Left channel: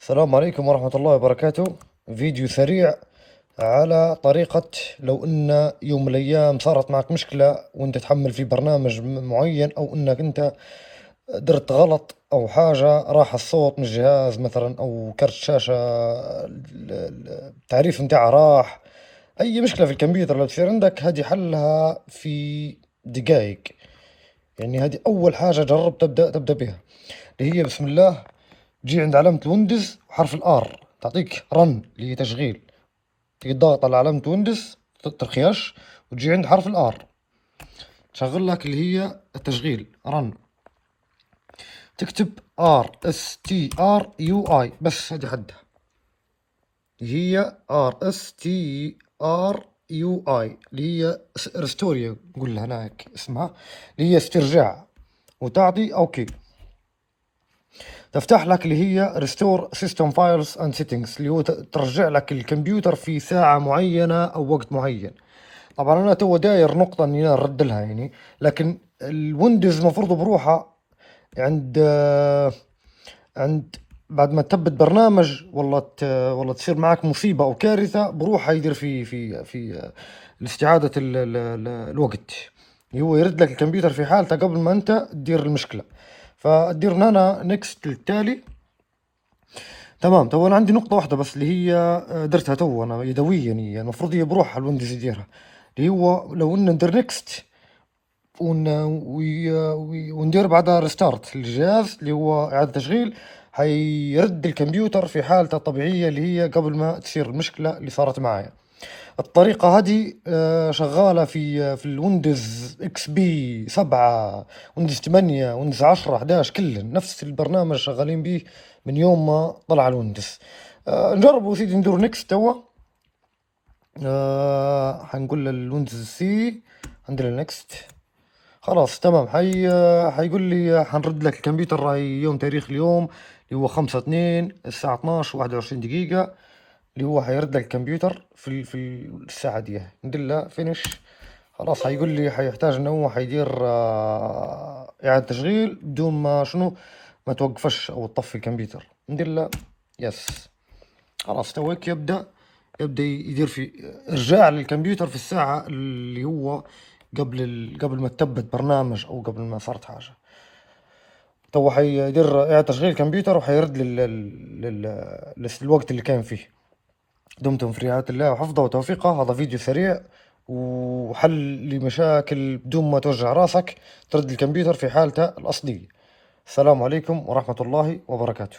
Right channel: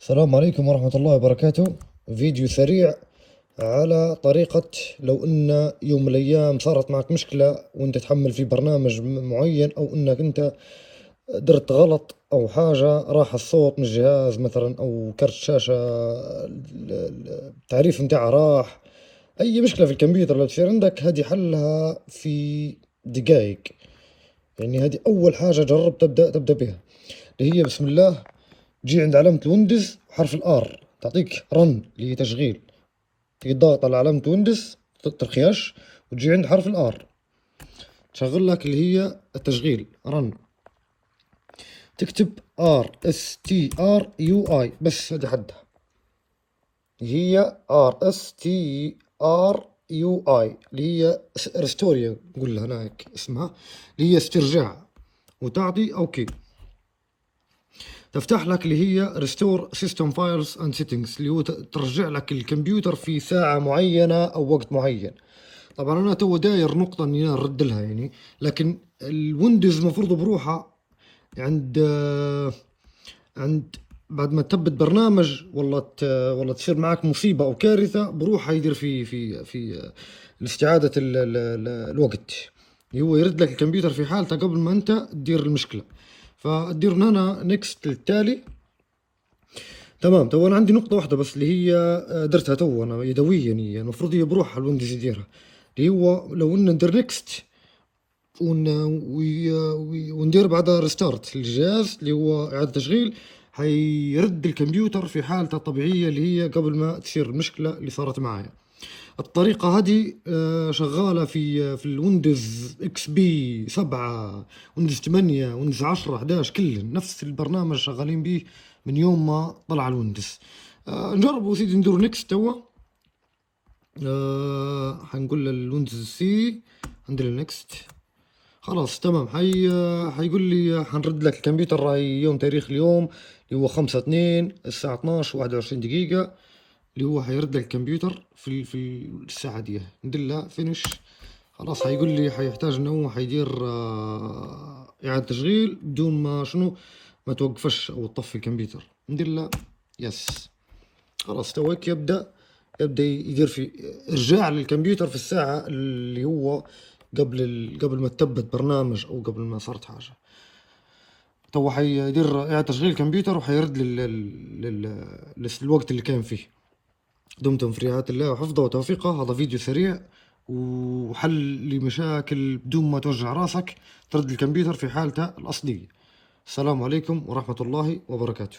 السلام عليكم ورحمة الله وبركاته. فيديو سريع على طريقة لو إن يوم من الأيام صارت معك مشكلة وأنت تحمل في برنامج معين، أو إنك أنت درت غلط أو حاجة، راح الصوت من الجهاز مثلا أو كرت شاشة التعريف متاعها راح. أي مشكلة في الكمبيوتر لو تصير عندك، هذه حلها في دقائق. يعني هذه أول حاجة جرب تبدأ بها، اللي هي بسم الله. تجي عند علامة ويندوز وحرف الآر تعطيك رن اللي هي تشغيل. تيجي تضغط على علامة ويندوز ترخيش، وتجي عند حرف الآر تشغل لك اللي هي التشغيل رن. تكتب RSTRUI بس، هذه حدها اللي هي RSTRUI اللي هي ريستوريا، نقول لها هناك اسمها اللي هي استرجاع، وتعطي اوكي. تفتح لك اللي هي ريستور سيستم فايلز اند سيتنجز، اللي هو ترجع لك الكمبيوتر في ساعة معينة او وقت معين. طبعا انا تو داير نقطة اني انا نرد لها يعني، لكن الويندوز مفروض بروحها عند بعد ما تثبت برنامج والله تصير معك مصيبة او كارثة، بروحها يدير في استعادة الوقت. هو يرد لك الكمبيوتر في حالته قبل ما انت تدير المشكلة. فدير هنا نكست للتالي. تمام. تو انا عندي نقطة واحدة بس اللي هي درتها تو انا يدويا، يعني المفروض هي بروحها الويندوز يديرها، اللي هو لو ان ندير نكست وندير بعدها ريستارت للجهاز اللي هو إعادة تشغيل، حيرد الكمبيوتر في حالته الطبيعية اللي هي قبل ما تصير المشكلة اللي صارت معايا. الطريقة هذه شغالة في الويندوز اكس بي 7، ويندوز 8، ويندوز 10، 11، كلن نفس البرنامج شغالين به من يوم ما طلع الويندوز. نجربوا سيدي ندور نكست توا. حنقول للويندوز سي، ندير نكست. خلاص تمام. حيقول لي حنرد لك الكمبيوتر راهي يوم تاريخ اليوم اللي هو 5/2 الساعة 12:21 اللي هو حيرد لك الكمبيوتر في الساعة دي. ندير له فينيش. خلاص حيقول لي حيحتاج انه هو حيدير اعادة تشغيل بدون ما شنو ما توقفش او تطفي الكمبيوتر. ندير له يس. خلاص توك يبدأ يدير في إرجاع للكمبيوتر في الساعة اللي هو قبل ما تثبت برنامج أو قبل ما صارت حاجة. تو حيدير إعادة تشغيل الكمبيوتر وحيرد للوقت اللي كان فيه. دمتم في رعاية الله وحفظه وتوفيقه. هذا فيديو سريع وحل لمشاكل بدون ما توجع راسك، ترد الكمبيوتر في حالته الأصلية. السلام عليكم ورحمة الله وبركاته.